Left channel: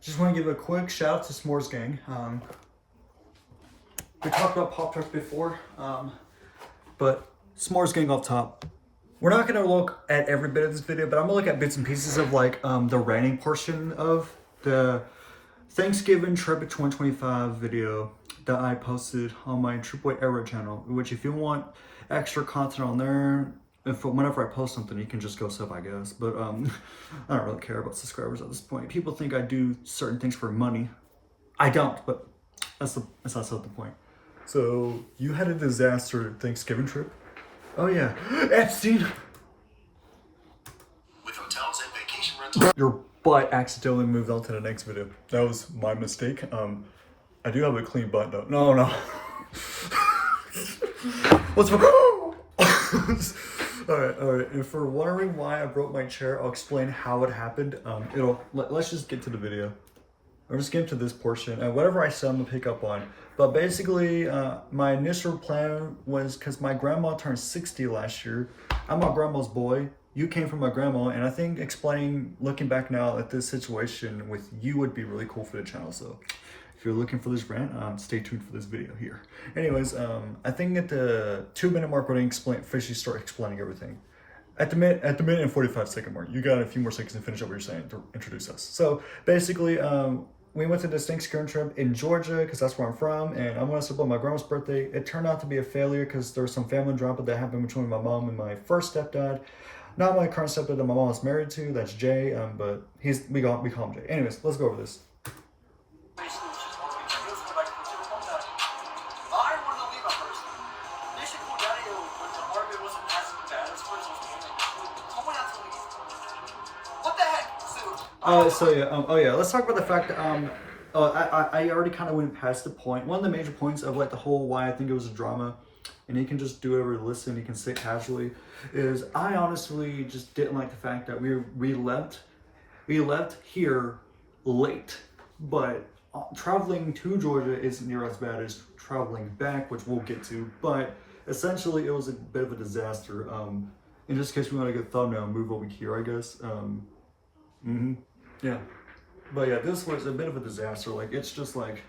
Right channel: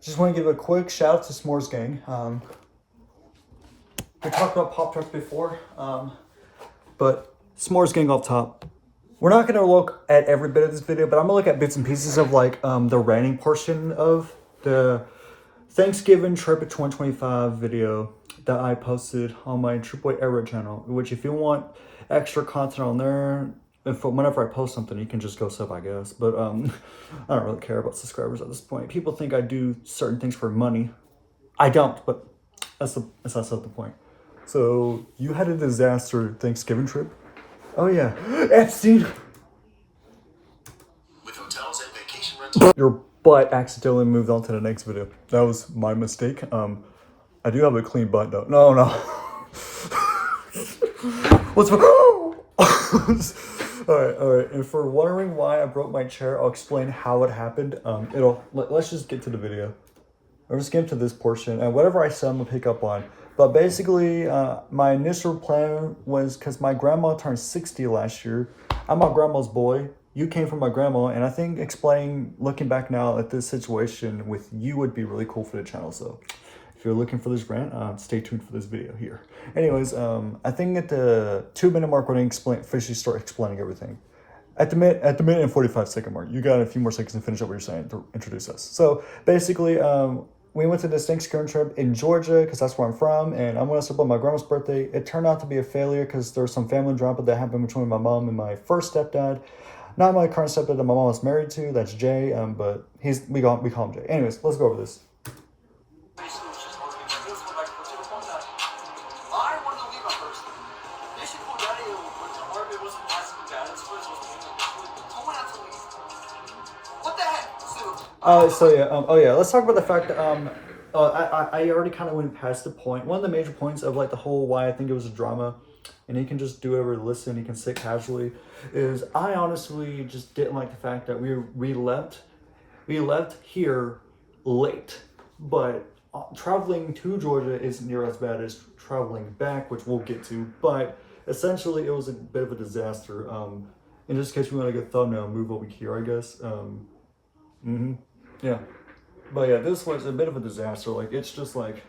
Just want to give a quick shout out to S'mores Gang. We talked about Pop-Tarts before, but S'mores Gang off top. We're not going to look at every bit of this video, but I'm going to look at bits and pieces of like the ranting portion of the Thanksgiving trip of 2025 video that I posted on my True Boy Era channel, which if you want extra content on there, if whenever I post something, you can just go sub, I guess. But I don't really care about subscribers at this point. People think I do certain things for money. I don't, but that's not the point. So you had a disaster Thanksgiving trip? Oh yeah, Epstein. With hotels and vacation rentals. Your butt accidentally moved on to the next video. That was my mistake. I do have a clean butt though. No. What's wrong? All right. And for wondering why I broke my chair, I'll explain how it happened. Let's just get to the video. I'm just getting to this portion, and whatever I said, I'm gonna pick up on. But basically, my initial plan was because my grandma turned 60 last year. I'm my grandma's boy. You came from my grandma, and I think looking back now at this situation with you would be really cool for the channel. So if you're looking for this rant, stay tuned for this video here. Anyways, I think at the 2-minute mark when I officially start explaining everything. At the minute and 45-second mark, you got a few more seconds to finish up what you're saying to introduce us. So basically, we went to this Thanksgiving trip in Georgia because that's where I'm from, and I went to celebrate my grandma's birthday. It turned out to be a failure because there was some family drama that happened between my mom and my first stepdad. Not my current stepdad that my mom was married to. That's Jay, but we call him Jay. Anyways, let's go over this. Let's talk about the fact that I already kind of went past the point. One of the major points of like the whole why I think it was a drama, and you can just do whatever, listen, you can sit casually, is I honestly just didn't like the fact that we left here late, but traveling to Georgia isn't near as bad as traveling back, which we'll get to. But essentially, it was a bit of a disaster. In this case, we want to go thumbnail, move over here, I guess. Yeah, but yeah, this was a bit of a disaster. Like, it's just like,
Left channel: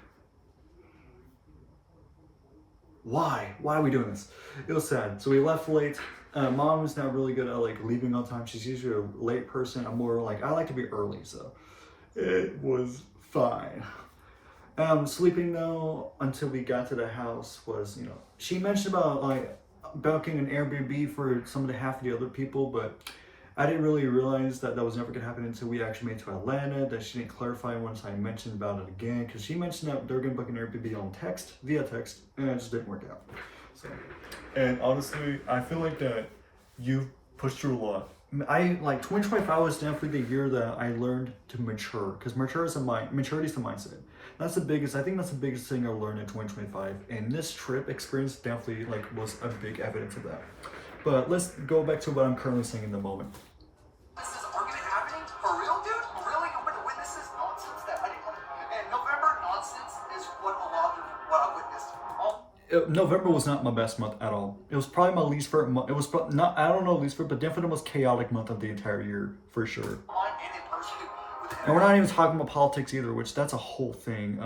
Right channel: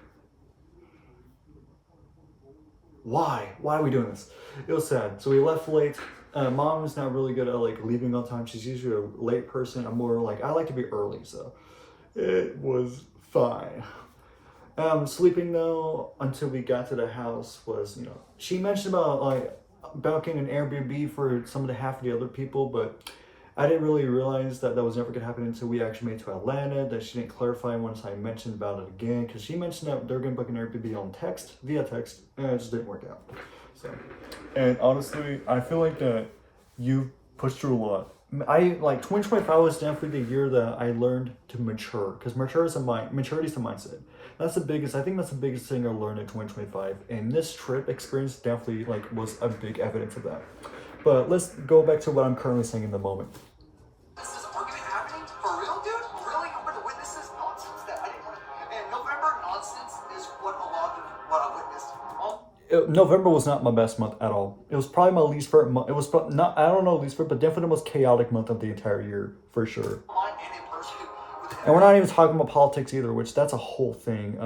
why are we doing this? It was sad. So we left late. Mom is not really good at like leaving on time. She's usually a late person. I'm more like, I like to be early, so it was fine. Sleeping though until we got to the house was, she mentioned about like booking an Airbnb for some of the half of the other people, but I didn't really realize that was never going to happen until we actually made to Atlanta. That she didn't clarify once I mentioned about it again, because she mentioned that they're going to book an Airbnb on via text, and it just didn't work out. So, and honestly, I feel like that you pushed through a lot. 2025 was definitely the year that I learned to mature, because maturity is the mindset. I think that's the biggest thing I learned in 2025, and this trip experience definitely was a big evidence of that. But let's go back to what I'm currently saying in the moment. This is argument happening? For real, dude? Really? I'm gonna witness this nonsense that I didn't want to. And November nonsense is what I witnessed. November was not my best month at all. It was probably my least favorite month. It was not, I don't know least favorite, but definitely the most chaotic month of the entire year, for sure. And we're not even talking about politics either, which that's a whole thing.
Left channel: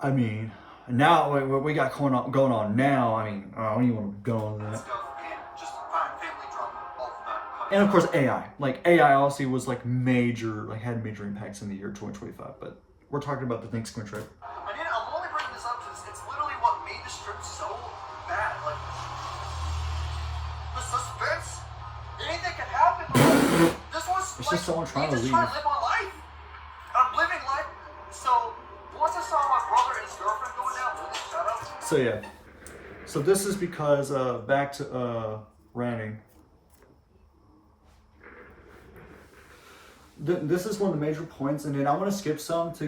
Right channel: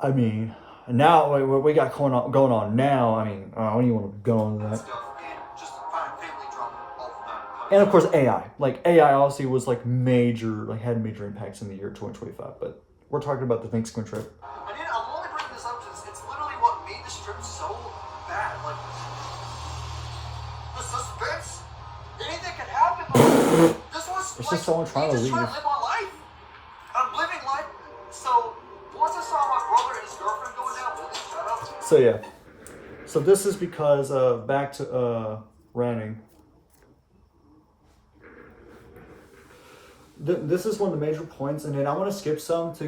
I mean, now what we got going on now, I mean, I don't even want to go into that. And of course AI. AI obviously was had major impacts in the year 2025, but we're talking about the Thanksgiving trip. I'm only bringing this up because it's literally what made this trip so bad. The suspense, anything can happen. It's just someone trying to leave. Trying to live my life. I'm living life. So once I saw my brother and his girlfriend going down, really shut up. So yeah. So this is because back to ranting. This is one of the major points, and then I want to skip some to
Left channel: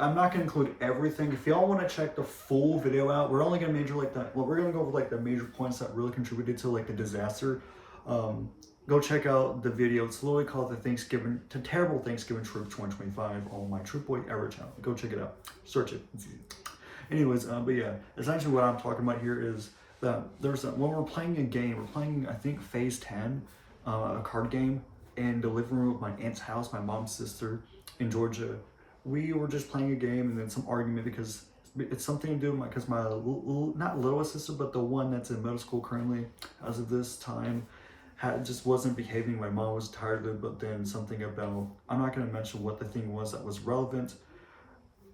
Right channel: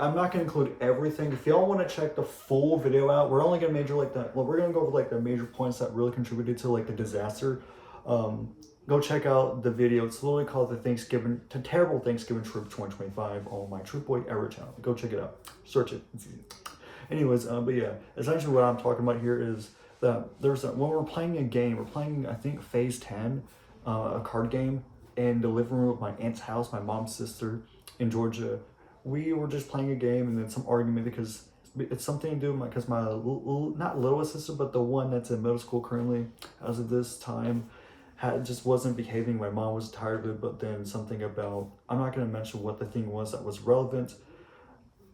I'm not going to include everything. If y'all want to check the full video out, we're only going to we're going to go over the major points that really contributed to the disaster. Go check out the video. It's literally called the Terrible Thanksgiving Trip 2025 on my True Boy Era channel. Go check it out. Search it. Anyways, but yeah, essentially what I'm talking about here is that when we're playing a game, we're playing, I think, Phase 10, a card game, in the living room of my aunt's house, my mom's sister, in Georgia. We were just playing a game and then some argument because it's something to do with because my not littlest sister, but the one that's in middle school currently, as of this time, just wasn't behaving. My mom was tired of it, but then something about, I'm not going to mention what the thing was that was relevant,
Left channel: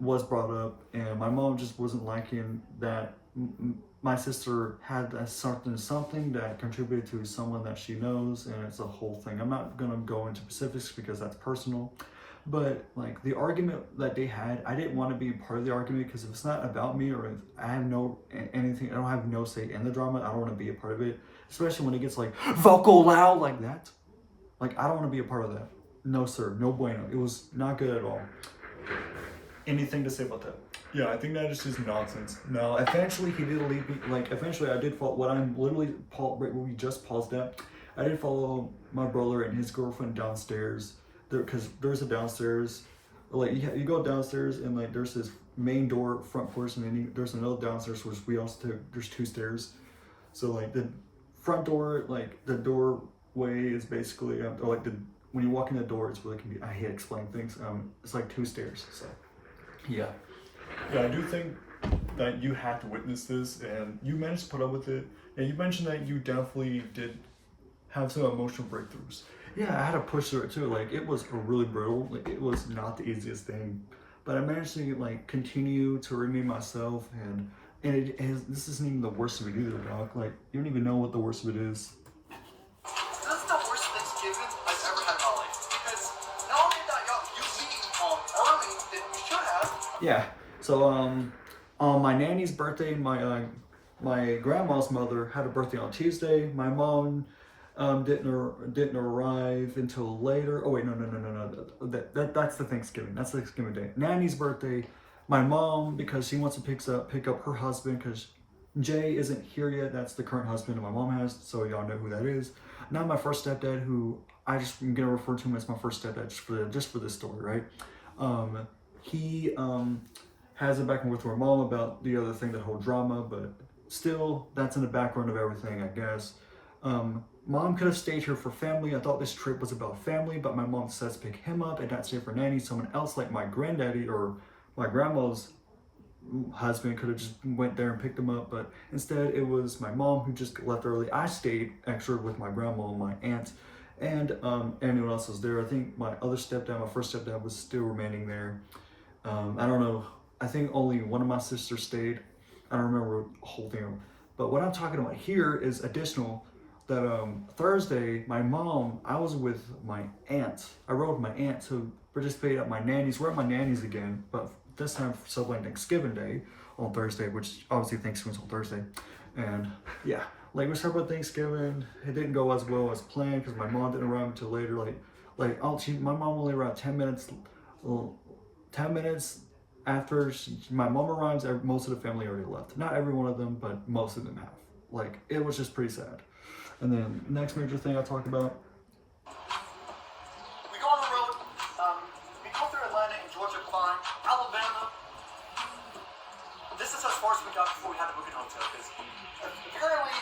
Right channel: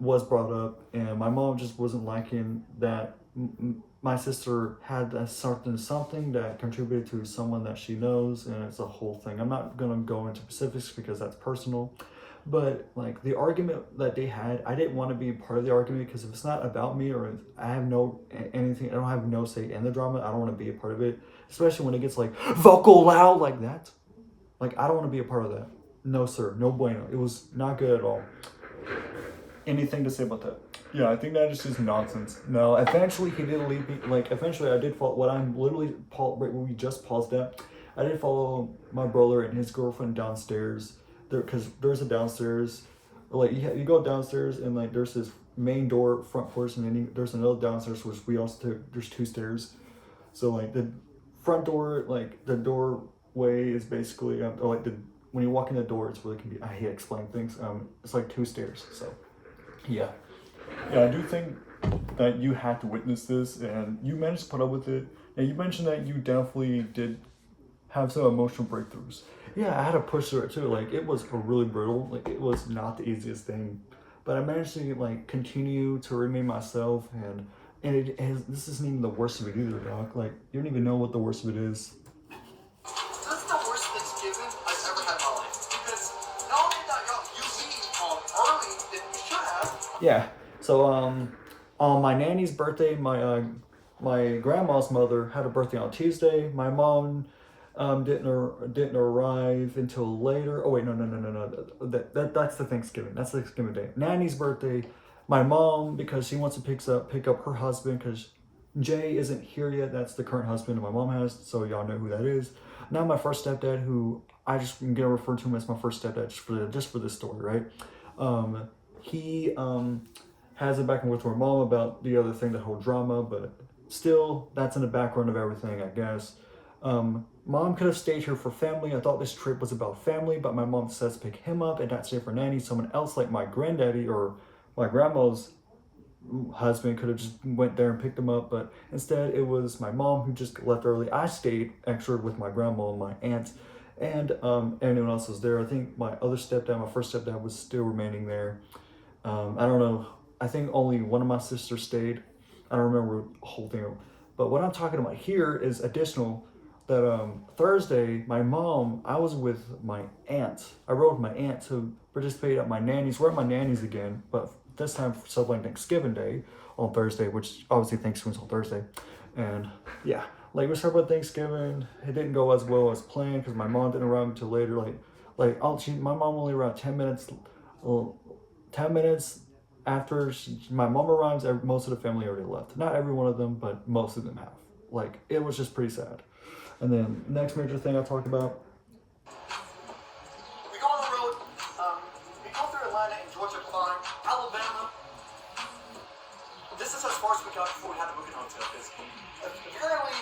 was brought up, and my mom just wasn't liking that my sister had something that contributed to someone that she knows, and it's a whole thing. I'm not gonna go into specifics because that's personal, but like the argument that they had, I didn't want to be part of the argument because if it's not about me or if I have no anything, I don't have no say in the drama, I don't want to be a part of it, especially when it gets like vocal loud like that. Like, I don't want to be a part of that. No sir, no bueno. It was not good at all. Anything to say about that? Yeah, I think that is just nonsense. No, eventually he did leave me. Like, eventually I did follow what I'm literally right where we just paused at. I did follow my brother and his girlfriend downstairs there because there's a downstairs. Like, you go downstairs and like there's this main door front porch, and then there's another downstairs which we also took. There's 2 stairs. So like the front door, like the doorway is basically like the when you walk in the door, it's really I hate explaining things. It's like 2 stairs. So. Yeah. Yeah, I do think that you have to witness this, and you managed to put up with it. And you mentioned that you definitely did have some emotional breakthroughs. Yeah, I had to push through it too. Like, it was really brutal. Like, it was not the easiest thing. But I managed to, like, continue to remain myself, and this isn't even the worst of it either, Doc. Like, you don't even know what the worst of it is. That's the worst Thanksgiving I've ever had in my life. Because not only that you leave early than you should have. Yeah. So on my nanny's birthday, my grandma's mother had a birthday on Tuesday. My mom didn't arrive until later. Oh wait, no. That's the Thanksgiving. That's the Thanksgiving day. Nanny's birthday. My mom, because she wants to pick up her husband because Jay isn't here yet. That's the current husband my mom has. So y'all know who that is. Now my first stepdad, who I just am gonna refer to him as my first stepdad just for this story, right? He has it back and with her mom about the other thing, the whole drama, but still, that's in the background of everything, I guess. Mom could have stayed here for family. I thought this trip was about family, but my mom says pick him up and not stay for nanny. Someone else like my granddaddy or my grandma's husband could have just went there and picked him up, but instead it was my mom who just left early. I stayed extra with my grandma and my aunt, and anyone else was there. I think my other stepdad, my first stepdad, was still remaining there. I don't know. I think only one of my sisters stayed. I don't remember the whole thing. But what I'm talking about here is additional that Thursday, my mom, I was with my aunt. I rode with my aunt to participate at my nanny's. We're at my nanny's again, but this time for celebrating Thanksgiving Day on Thursday, which obviously Thanksgiving's on Thursday. And yeah, like we celebrated Thanksgiving. It didn't go as well as planned because my mom didn't arrive until later. My mom only arrived 10 minutes. 10 minutes after my mom arrives, most of the family already left. Not every one of them, but most of them have. Like, it was just pretty sad. And then next major thing I talked about. We go on the road. We go through Atlanta and Georgia, fine. Alabama. This is as far as we got before we had to book an hotel. Because apparently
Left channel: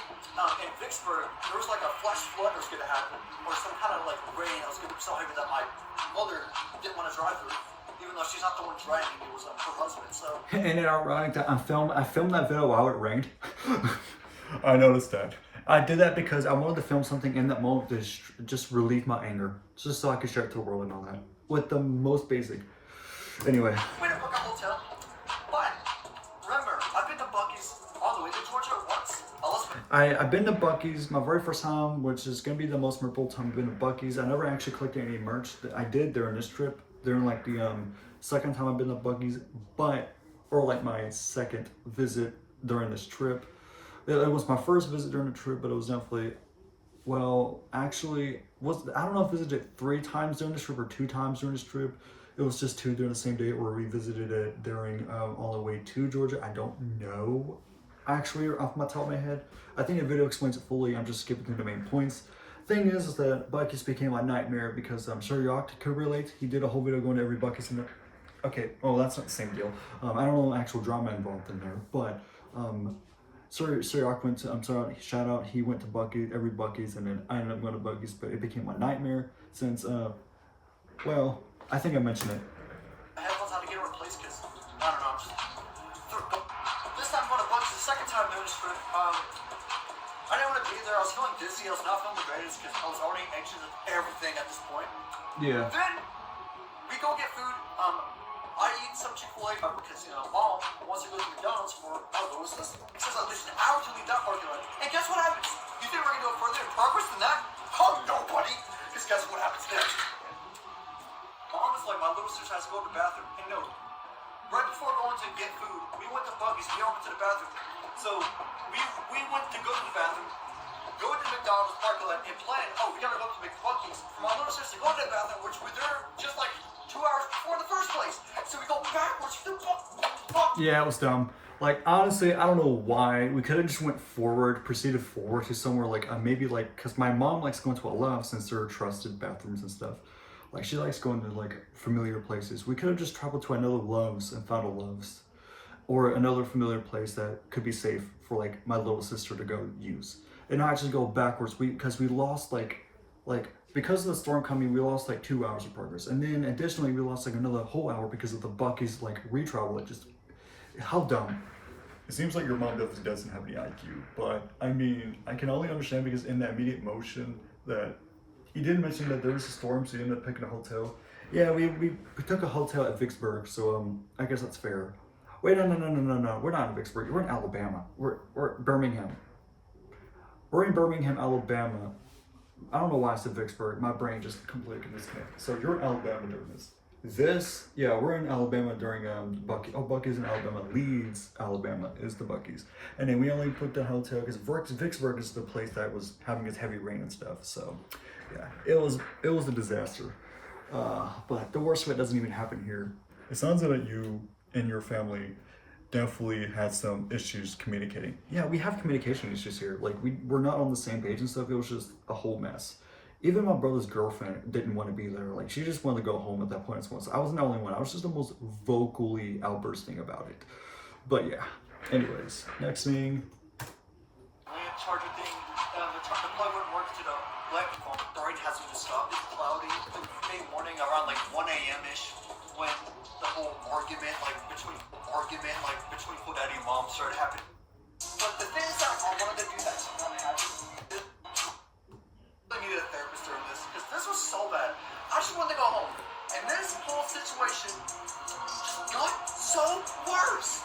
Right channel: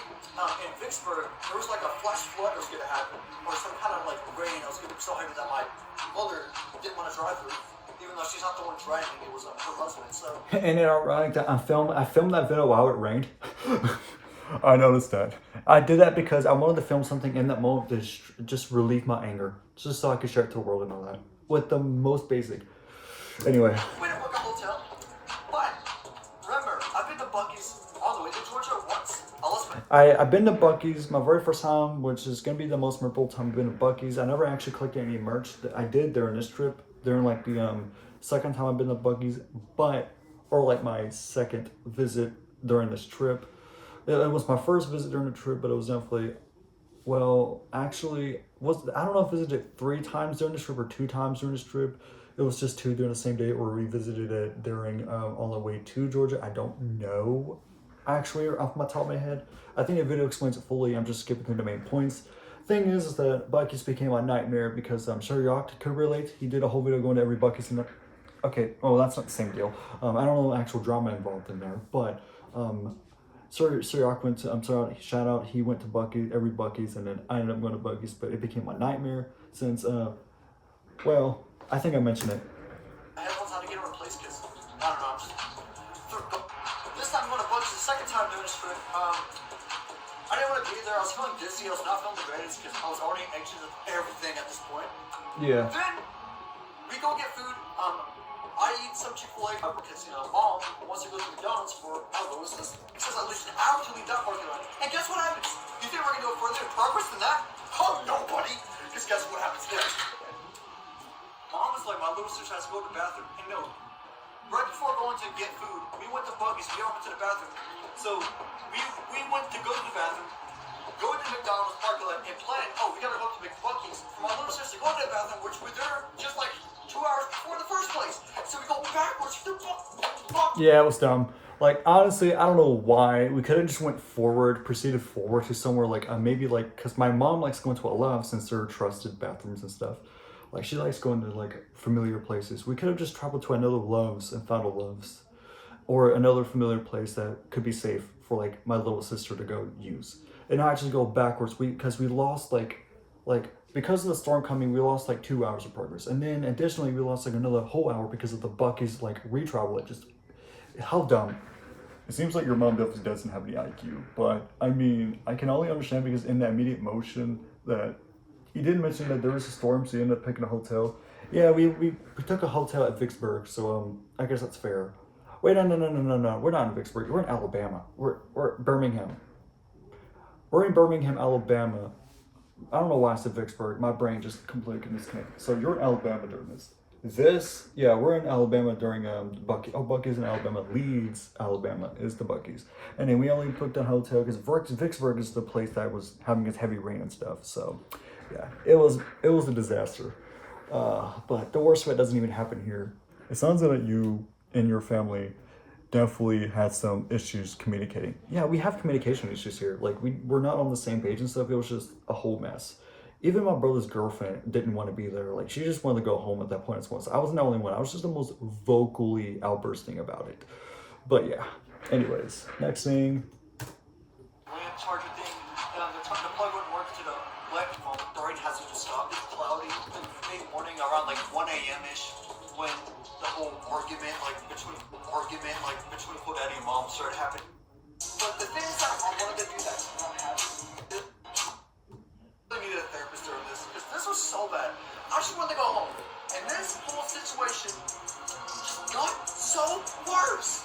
in Vicksburg, there was like a flash flood that was going to happen. Or some kind of like rain. I was going to be so heavy that my mother didn't want to drive through. Even though she's not the one driving, it was her husband. So. And it ironic that I filmed that video while it rained. I noticed that. I did that because I wanted to film something in that moment to just relieve my anger, just so I could share it to the world and all that. With the most basic. Anyway. We didn't book a hotel, but remember, I've been to Buc-ee's all the way to Georgia once. I've been to Buc-ee's my very first time, which is gonna be the most memorable time I've been to Buc-ee's. I never actually collected any merch that I did during this trip. During like the second time I've been to Buc-ee's, or like my second visit during this trip. It was my first visit during the trip, but it was definitely, well, actually, I don't know if I visited 3 times during this trip or 2 times during this trip. It was just 2 during the same day, or we visited it during on the way to Georgia. I don't know, actually, off my top of my head. I think the video explains it fully. I'm just skipping through the main points. Thing is that Buc-ee's became my nightmare because I'm sure Yacht could relate. He did a whole video going to every Buc-ee's in there. Okay, well, that's not the same deal. I don't know the actual drama involved in there, but Sir Yacht went to, shout out, he went to Buc-ee's, every Buc-ee's, and then I ended up going to Buc-ee's, but it became my nightmare since, well, I think I mentioned it. doing this trip. I didn't want to be there. I was feeling dizzy. I was not feeling the greatest because I was already anxious of everything at this point. Yeah. Then we go get food. I eat some Chick-fil-A because, you know, Mom wants to go to McDonald's for Lewis. It says at least an hour to leave that parking lot. And guess what happens? You think we're going to go further in progress than that? Oh, no, buddy. Because guess what happens next? Mom is like, my little sister has to go to the bathroom. And no, right before going to get food, we went to Buggy's. We all went to the bathroom. So we went to go to the bathroom, go into McDonald's parking lot, and plan, oh, we got to go to McBucky's for my little sister to go to the bathroom, which we're there just like 2 hours before the first place. So we go backwards. Yeah, it was dumb. Like, honestly, I don't know why. We could have just went forward, proceeded forward to somewhere like, maybe like, because my mom likes going to a Love's since they're trusted bathrooms and stuff. Like, she likes going to like familiar places. We could have just traveled to another Love's and found a Love's. Or another familiar place that could be safe for like my little sister to go use. And not just go backwards, because we lost like, because of the storm coming, we lost like 2 hours of progress. And then additionally, we lost like another whole hour because of the Bucky's like retravel. It just, how dumb. It seems like your mom definitely doesn't have any IQ, but I mean, I can only understand because in that immediate motion that he did mention that there was a storm, so he ended up picking a hotel. Yeah, we took a hotel at Vicksburg, so I guess that's fair. Wait, no, we're not in Vicksburg, we're in Alabama. We're Birmingham. We're in Birmingham, Alabama. I don't know why I said Vicksburg. My brain just completely disconnected. So you're in Alabama during this. Yeah, we're in Alabama during Bucky's in Alabama. Leeds, Alabama is the Bucky's. And then we only booked a hotel because Vicksburg is the place that was having its heavy rain and stuff. So yeah, it was a disaster. But the worst of it doesn't even happen here. It sounds like you and your family definitely had some issues communicating. Yeah, we have communication issues here. Like, we're not on the same page and stuff. It was just a whole mess. Even my brother's girlfriend didn't want to be there. Like, she just wanted to go home at that point. So I wasn't the only one. I was just the most vocally outbursting about it. But yeah, anyways, next thing. Charger thing, the plug wouldn't work to the electrical. Storage has to just stop. It's cloudy. Late morning around like 1 a.m.-ish when the whole argument between Daddy and Mom started happening. But the things that I wanted to do that's not happening, I needed a therapist during this because this was so bad. I just wanted to go home, and this whole situation just got so worse.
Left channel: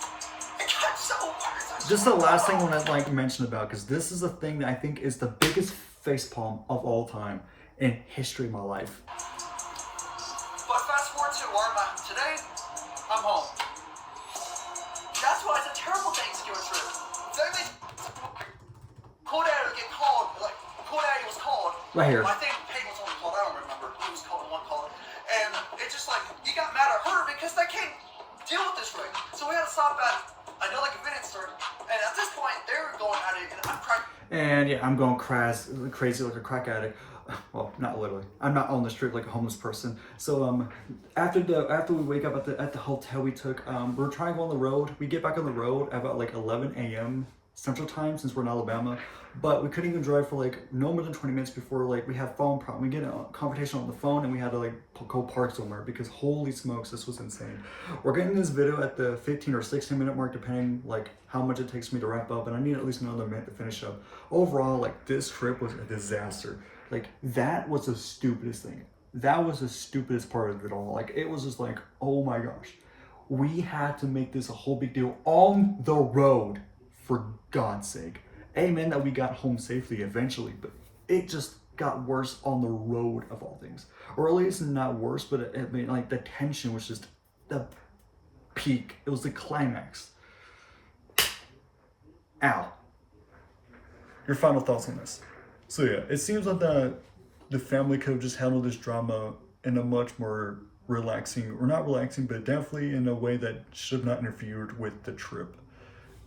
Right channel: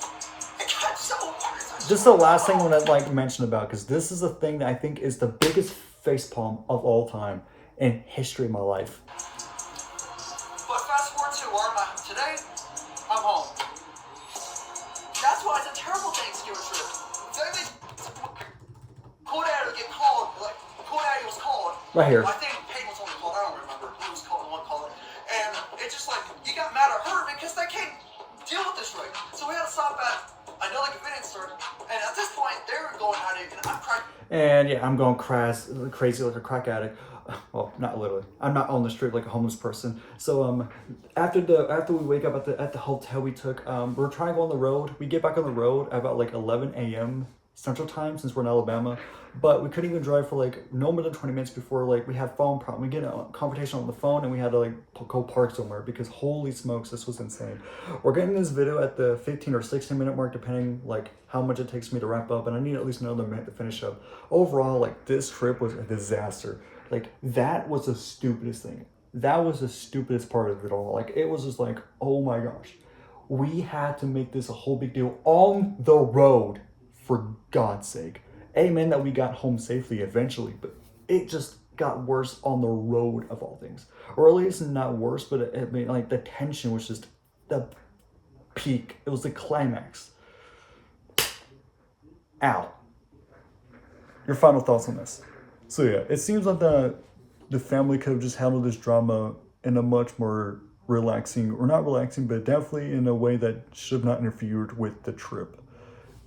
It got so worse. This is the last thing I want to like mention about, because this is the thing that I think is the biggest facepalm of all time in history of my life. But fast forward to where I'm at today, I'm home. That's why it's a terrible Thanksgiving trip. Cool Daddy would get called, like, Cool Daddy was called. Right here. I think Peyton was on the call, I don't remember who was called and one called. And it's just like, you got mad at her because they can't deal with this right. So we had to stop at another convenience store. And at this point, they were going at it, and I'm crying. And yeah, I'm going crazy like a crack addict. Well, not literally. I'm not on the street like a homeless person. So after we wake up at the hotel we took, we're trying to go on the road. We get back on the road at about like 11 a.m. Central Time since we're in Alabama, but we couldn't even drive for like no more than 20 minutes before like we had phone problem. We get a conversation on the phone and we had to like go park somewhere because holy smokes, this was insane. We're getting this video at the 15 or 16 minute mark depending like how much it takes me to wrap up, and I need at least another minute to finish up. Overall, like this trip was a disaster. Like that was the stupidest thing. That was the stupidest part of it all. Like it was just like, oh my gosh, we had to make this a whole big deal on the road. For God's sake. Amen that we got home safely eventually, but it just got worse on the road of all things. Or at least not worse, but I mean, like the tension was just the peak. It was the climax. Ow. Your final thoughts on this? So yeah, it seems like the family could have just handled this drama in a much more relaxing, or not relaxing, but definitely in a way that should have not interfered with the trip.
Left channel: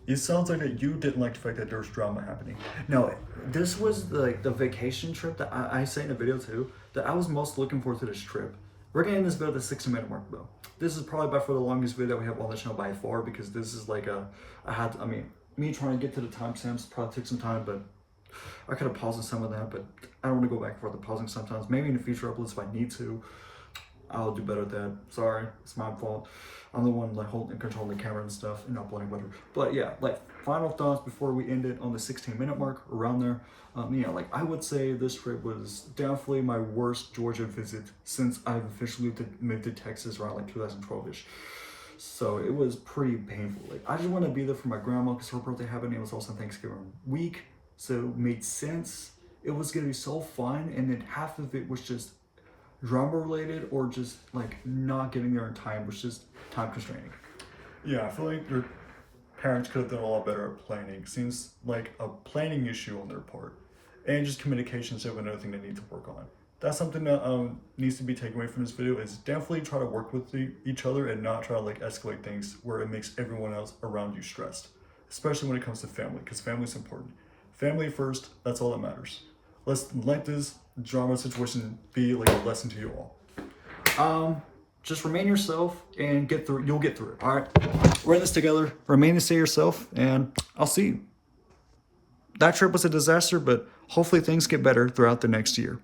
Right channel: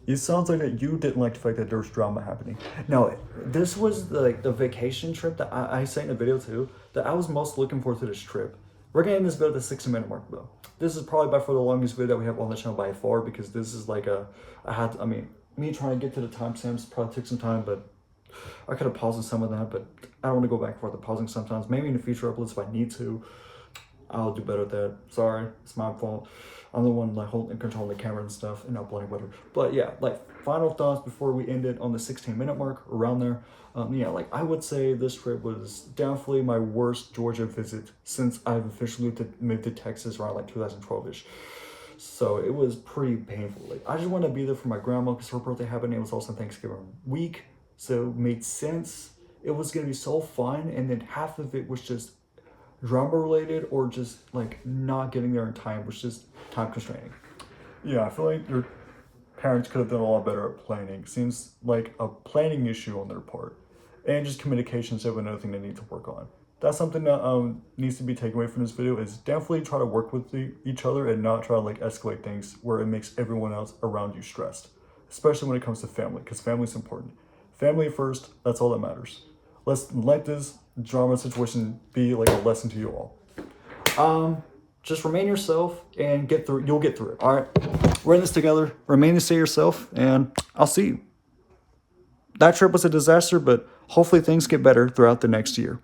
It sounds like that you didn't like the fact that there was drama happening. Now, this was like the vacation trip that I say in the video too, that I was most looking forward to this trip. We're getting this video at the 60 minute mark though. This is probably by far the longest video that we have on the channel by far, because this is like me trying to get to the timestamps probably took some time, but I could have paused some of that, but I don't want to go back and forth to pausing sometimes. Maybe in the future uploads if I need to. I'll do better at that. Sorry, it's my fault. I'm the one like holding controlling the camera and stuff and uploading whatever. But yeah, like final thoughts before we end it on the 16-minute mark, around there. Yeah, like I would say this trip was definitely my worst Georgia visit since I've officially moved to Texas around like 2012ish. So it was pretty painful. Like I just want to be there for my grandma because her birthday happened. It was also Thanksgiving week, so it made sense. It was gonna be so fun, and then half of it was just drama related or just like not getting there in time, which is time constraining. Yeah, I feel like your parents could have done a lot better at planning. Seems like a planning issue on their part, and just communication is another thing they need to work on. That's something that needs to be taken away from this video. Is definitely try to work with each other and not try to like escalate things where it makes everyone else around you stressed, especially when it comes to family, because family is important. Family first. That's all that matters. Let's let this drama situation be like a lesson to you all. Just remain yourself and get through. You'll get through it. All right, we're in this together. Remain the same yourself, and I'll see you. That trip was a disaster, but hopefully things get better throughout the next year.